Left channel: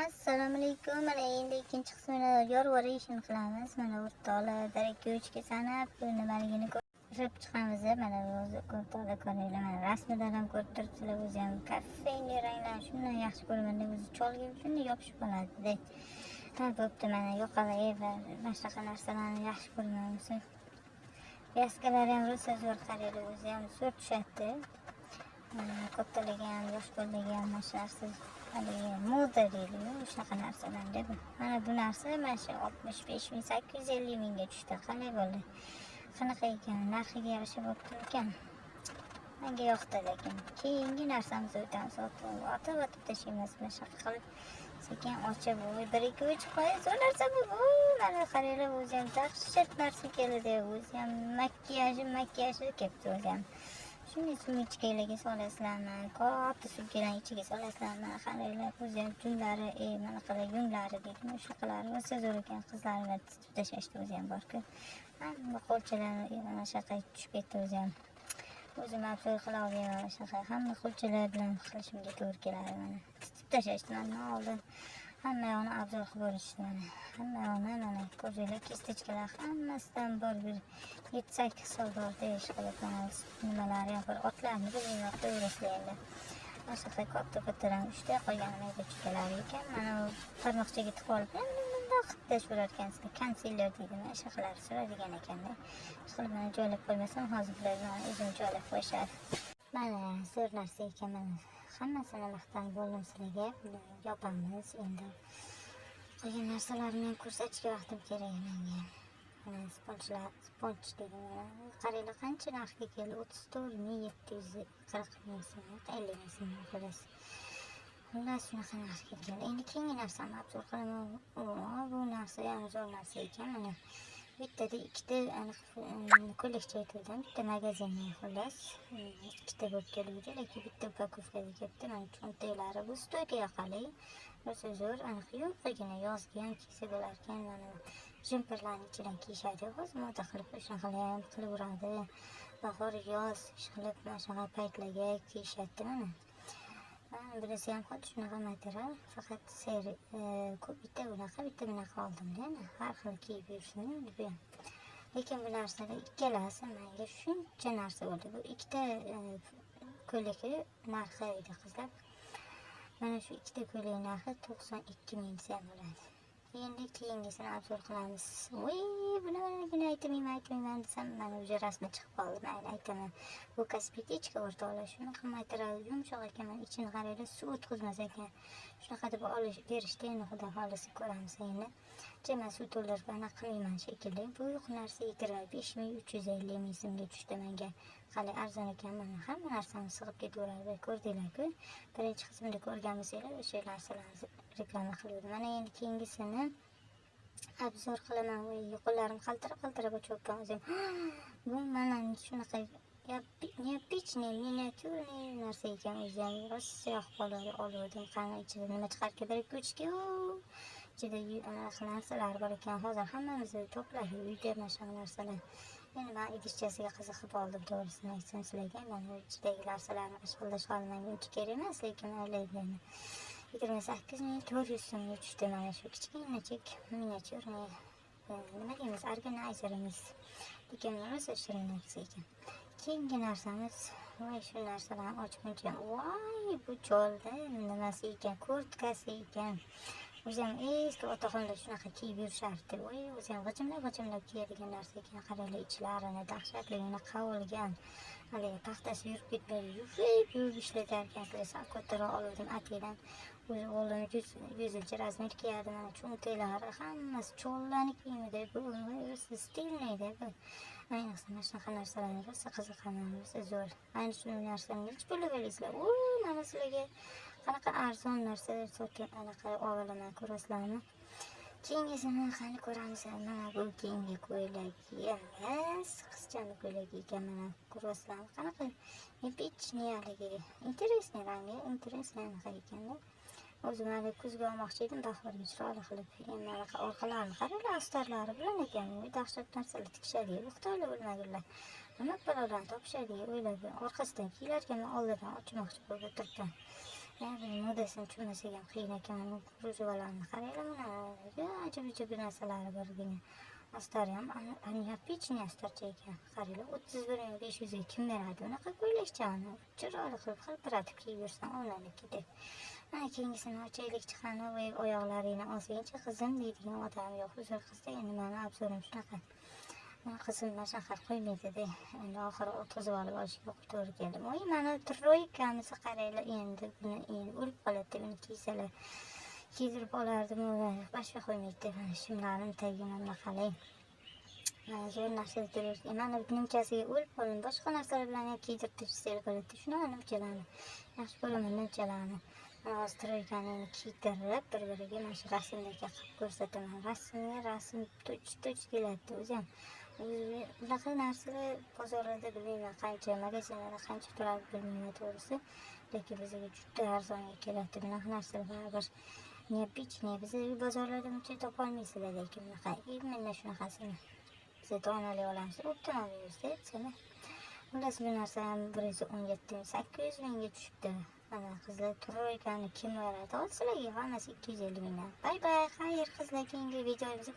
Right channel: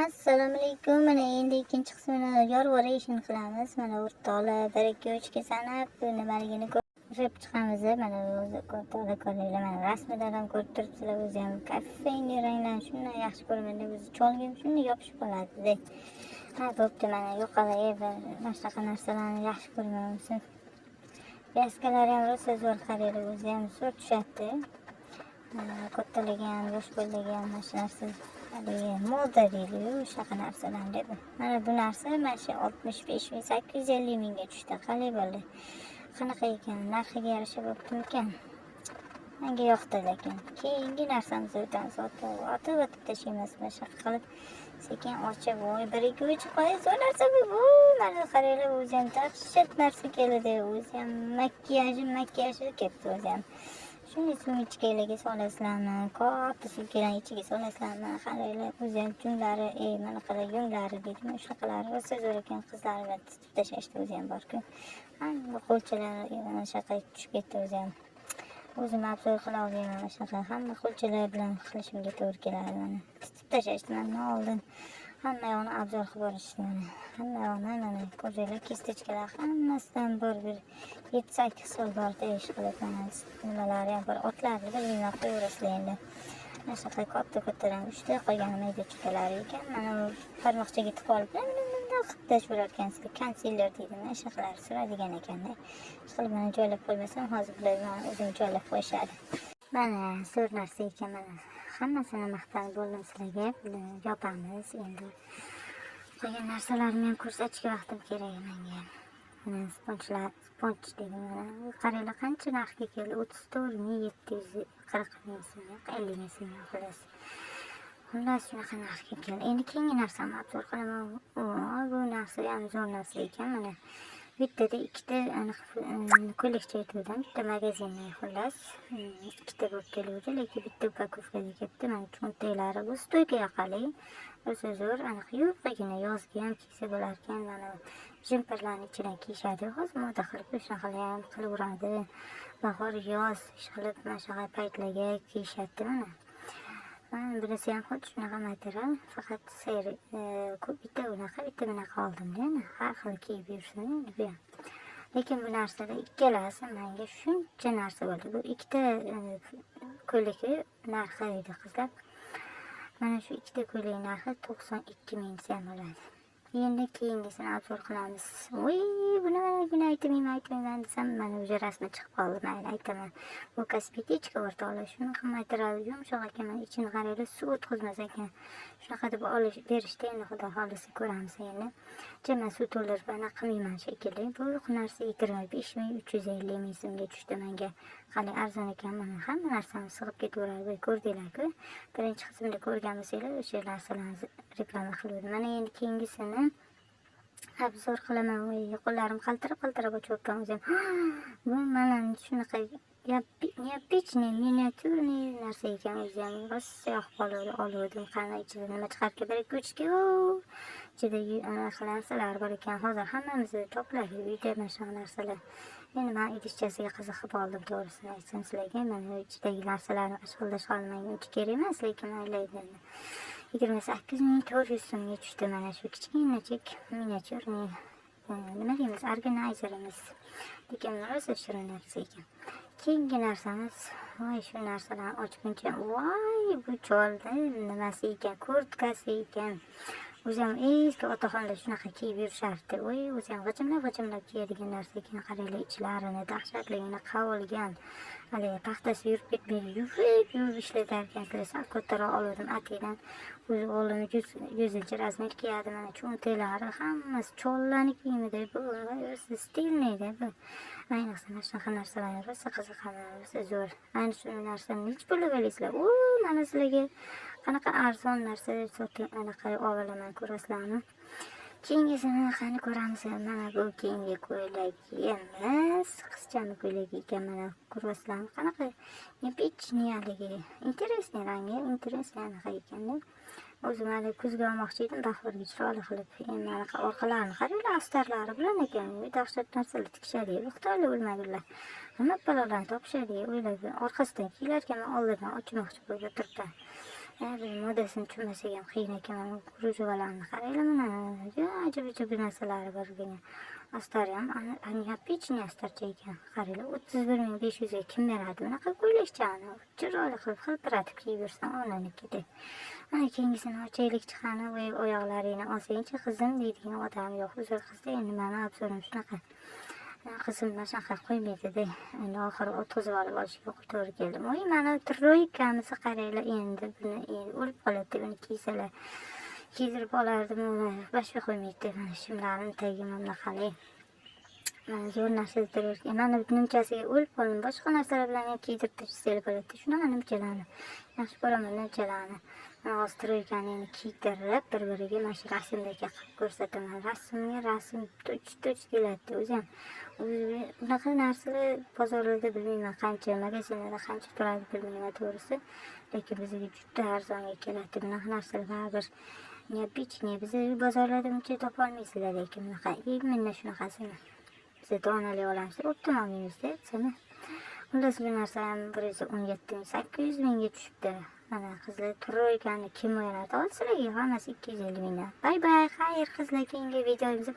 Assalomu alaykum. Mana endi ikkinchi qismini yorg'ora ishini qilamiz. Mana o'rtoqlar 1 2 3 ga sanab nimaligini ko'rib chiqamiz. Mana o'zi o'rtoqlar ko'ringlar. Mana rasmidan ham ko'rib turibsizlar. O'zi ham kofein ranglarni shunday yaxshi ko'rganda o'zi cholga ham shunday yopishib qoladi. Ha, bo'pti. Mana yo'qolay mana shunaqa narsalarni yaxshi ko'rmayapsiz. Vyaskalar ham rosa zo'r qaraylar. O'zi ham zo'r tushadi. Kattalik ham, yosh qo'ldagi ham mana shu narsa. Moda deydi-yu, shunaqa narsadan dedi. Mana bu narsa mana shu 65 ming 850 mingga tushdi. Qalay bo'ldi? Qanaqa ekan? Narxiga yarasha bo'ptimikan? Menga yoqdi, lekin keyingi narsamizni o'tamiz. Otib tashlaymiz. Mana shunaqa qilib sekin ochib, voy 1 2 3 qo'y, zo'r narsa bu. Mana qaranglar, o'zi ham dahshat narsa keladi. O'zi ham makiyaji ketdi o'zi ham. Shunday suv ichkaliga solasizlarmi? Katta sumkalarni ichiga solasizlarmi? Qaranglar, o'zi ham junglari, mana qara yunglari deydimi, shunaqalari rosa zo'r ekan. Qizlarga tutib tashlashdi o'zi ham bor-ku. Hamma qo'lchalari mana shunaqa tushib ketdi o'zi ham. O'zim obzor qila olmayman shunaqa. Hamma qo'lchalar bilan qilishimga to'g'ri keladi mana. Tutib tashlashdi mana oldin. Hamma yoqni obzor qilib borishdi mana. Hamma yoqni mana ko'ringlar, kistechkalar hammasidan bir 7-8 xil bor-da, ishqilib mana nimalari ham bor. Otlarni da bilmay qo'yaverasizlar endi. Mana shunaqa katta-kattadan 3 ta qolgan mayda chukkalari ekan. Mana bu barmoqchaga tiqib olib bundoq qilib tashlayver ekansizlar. Konsiler deydi, mana shunaqalar suradigan ekanda. Ishqilib mana joylab qo'ymasam hozir bular mana o'zim joylab qo'yishadi. Mana zo'r narsa ekan mana. Hammasini maqtanib bo'ldim sizlarga. Yopamiz endi. Qolgan narsalarni ham ko'rsatishga vaqtim kerak menga. Mana sponj dedim mana. Qaranglar qancha narxga keldi. 34.740 ming so'm, 50 ming so'm xolos. Xullas shunaqa narxga keldi. Endi keyingi narsani obzor qilaman. Bu narsa ham zo'r narsa ekan. Mana bittada ikkita aniq ko'ylakcha aytdim. Bitta magazinni xullas ikkita bo'lib keluvdi, lekin bitta upakovkada ketdi. Mana cho'ntaklari bu stoyka yoqali. Rosa zo'r, aniq yupqagina yozga ham kiysa bo'lar ekan. Mana jemperlarni ichidan kiyishadi. Hozir moda qilib shunaqalar ham qilaveradi. Bahor, yoz ishqilib mana shunaqa paytlarga kiyishadi mana. Mana birisi ham xuddi shunaqa material, faqat seri bitta bunaqa oldim-da. Har xil kiyib yursin endi bu. Lekin bu narsada ikkalasi menga shuncha narsa bo'ldi. Bu ikkita ko'ylakni narxi edi qizlar. Mana shu ikkita ko'ylak narxi 92 ming so'm bo'ladi. Endi keyingisini obzor qilamiz. Voy, buni aytmayman desam, mana o'sha rasmi chiqib qoldi. Mayli, aytaman. Bu kosmetika o'rtoqlar, shunaqa material yumshoq ekan, ichini qaranglar, suv o'tkazmas ekan. Shunaqa deb olish berishdi, endi xudo xolisi ko'ramiz endi. Jama suv to'ldirib anaqa qilmayman shekilli. Bu narsa 25.350 ming so'mga tushdi menga. Qani arzon ekan, mana hamma narsani sig'ib ketaveradi. Ko'rdinglar-ku. Birinchi qismda ko'rgan bo'lsanglar, o'sha narsalarni reklama qiluvdim. Mana endi keyingisini obzor qilaman. Qo'llarim qaltirab o'chib o'zim. Bu mana shunaqa neobichniy, miniatyurniy narsa ekan o'zim. Rosa yoqib oluvdim. Qani ichida nima chiqarib kerak go'chga. Ichida narsalar bor ekan. Hozir hammamizni topiladi uyda mana shu narsalar. Endi men idishchasiga qiziqib oldim, to'g'risini aytsam sizlarga. Mana ichidagi narsalarni ashqildash olmang, uncha kerak emas, lekin maylaydi. 28.400 so'mga tushdi mana shu kichkinachik miniatyurniy nima deymiz, organizerimiz. Lekin rosa shirin narsa ekan. Keyingi narsamiz, voy shu narsalarni ochguncha, voy bu cholda nimasi ekan, kurtkasi ekan. O'zim eski otaxonlar shunaqa kiyib yurishardi. Voy, o'zim g'ijimlab kiyadigan narsa ekan. Qaranglar, ichlarini dahshatligini qavilgan. Hali paxtasi yurib ketmaydi, yurib ishlatar ekan. Sal kattaroq oldim atidan. O'zi o'g'lim 100 razmer kiyadi. Mana cho'ntaklari hammasi chollarni kiyimida. Bu stilniyda bu. Ayniqsa mana shunaqa narsalar rosa qiziqaman, rosa zo'r. Ayni shu narsani nech pulga olasizlar? Mana sizlarga qanaqa arzon narsa sotib anaqa olaman, ko'rasizlarmi? Keyingisini qani ko'ramiz. Mana bu keyingi ko'ylak emas, qizchani ko'ylagi ekan. Mana ko'rasizlarmi? Qanaqa neobichniyligi, interesniy rangi, interesniy anaqa ekanda. O'zim hali kuzga olmoqchi edim, bahorga chiroyli qilib. Endi anaqa orqalarini qaranglar, astarlari bilan ekan. Dahshat narsalar tikishadi, Xitoylar o'lmaganlar. Hamma balolarni topishadi, o'ylab orqasidan kiyilar ekan, men oldidan ochmoqchi bo'lib turibman. modasini tushunmasak ham qiyin ekan. Mana krujavalarni qaranglar, mana ajab-ajab narsalari bor ekan. Astari ham anyapichniy astarcha ekan. Qaranglar, 31.500 ga kim beradi bunaqa ko'ylakchani? Chiroyli qilib hilpiratib kiyib yursam onanikidek. Mana keyingisini ochaylik chiqani, voy oyoqlaringni olsangchi qizim deydigan odam yo'q. Uzr qizda endi mani obzorim shunaqa. Qizim mana shunaqa qo'ymaydi-da. Endi oxiri o'tkazib olishiga to'g'ri keldi. Voy mana troykamizni qaranglar, endi buni o'lib qoladi, buni kiysalar. Kiydirib olardim, boshqa qo'ymaydi. Mana shimlarim tagiga bunaqalar. Mana zo'r narsa ekan. Mana nimchasiga o'lib qoldim. Boshqa narsalar bilan ham kiydirib tashlab bo'ladi. Shunaqa nimchalarni yaxshi ko'raman, nimchalarni. Mana hozir troykani kiydirib, bir-biriga mana shu rasmdagi qilib ko'rsataman. Rasmga rasm tuch keladi. O'zi ham bunaqa narsalar bozorlarda bilmayman qancha, magazinlarda qancha turadi bilmayman to'g'risi. Lekin bizga juda arzonga keladi. Bunaqa narsalar baribir neobichniy. Biz bozorlarda buncha topa olmaysizlar, lekin bunaqa именно shunaqasini biz donali olamiz. Optim olmaymiz-da, seni. Xullas bu narsalarni 117.800 mingga tushibdi. Mana qizlar troykani kim o'ynata olsa, hammasi 250 mingdan. Bay bay, xayr qizlar, keyingi videomizda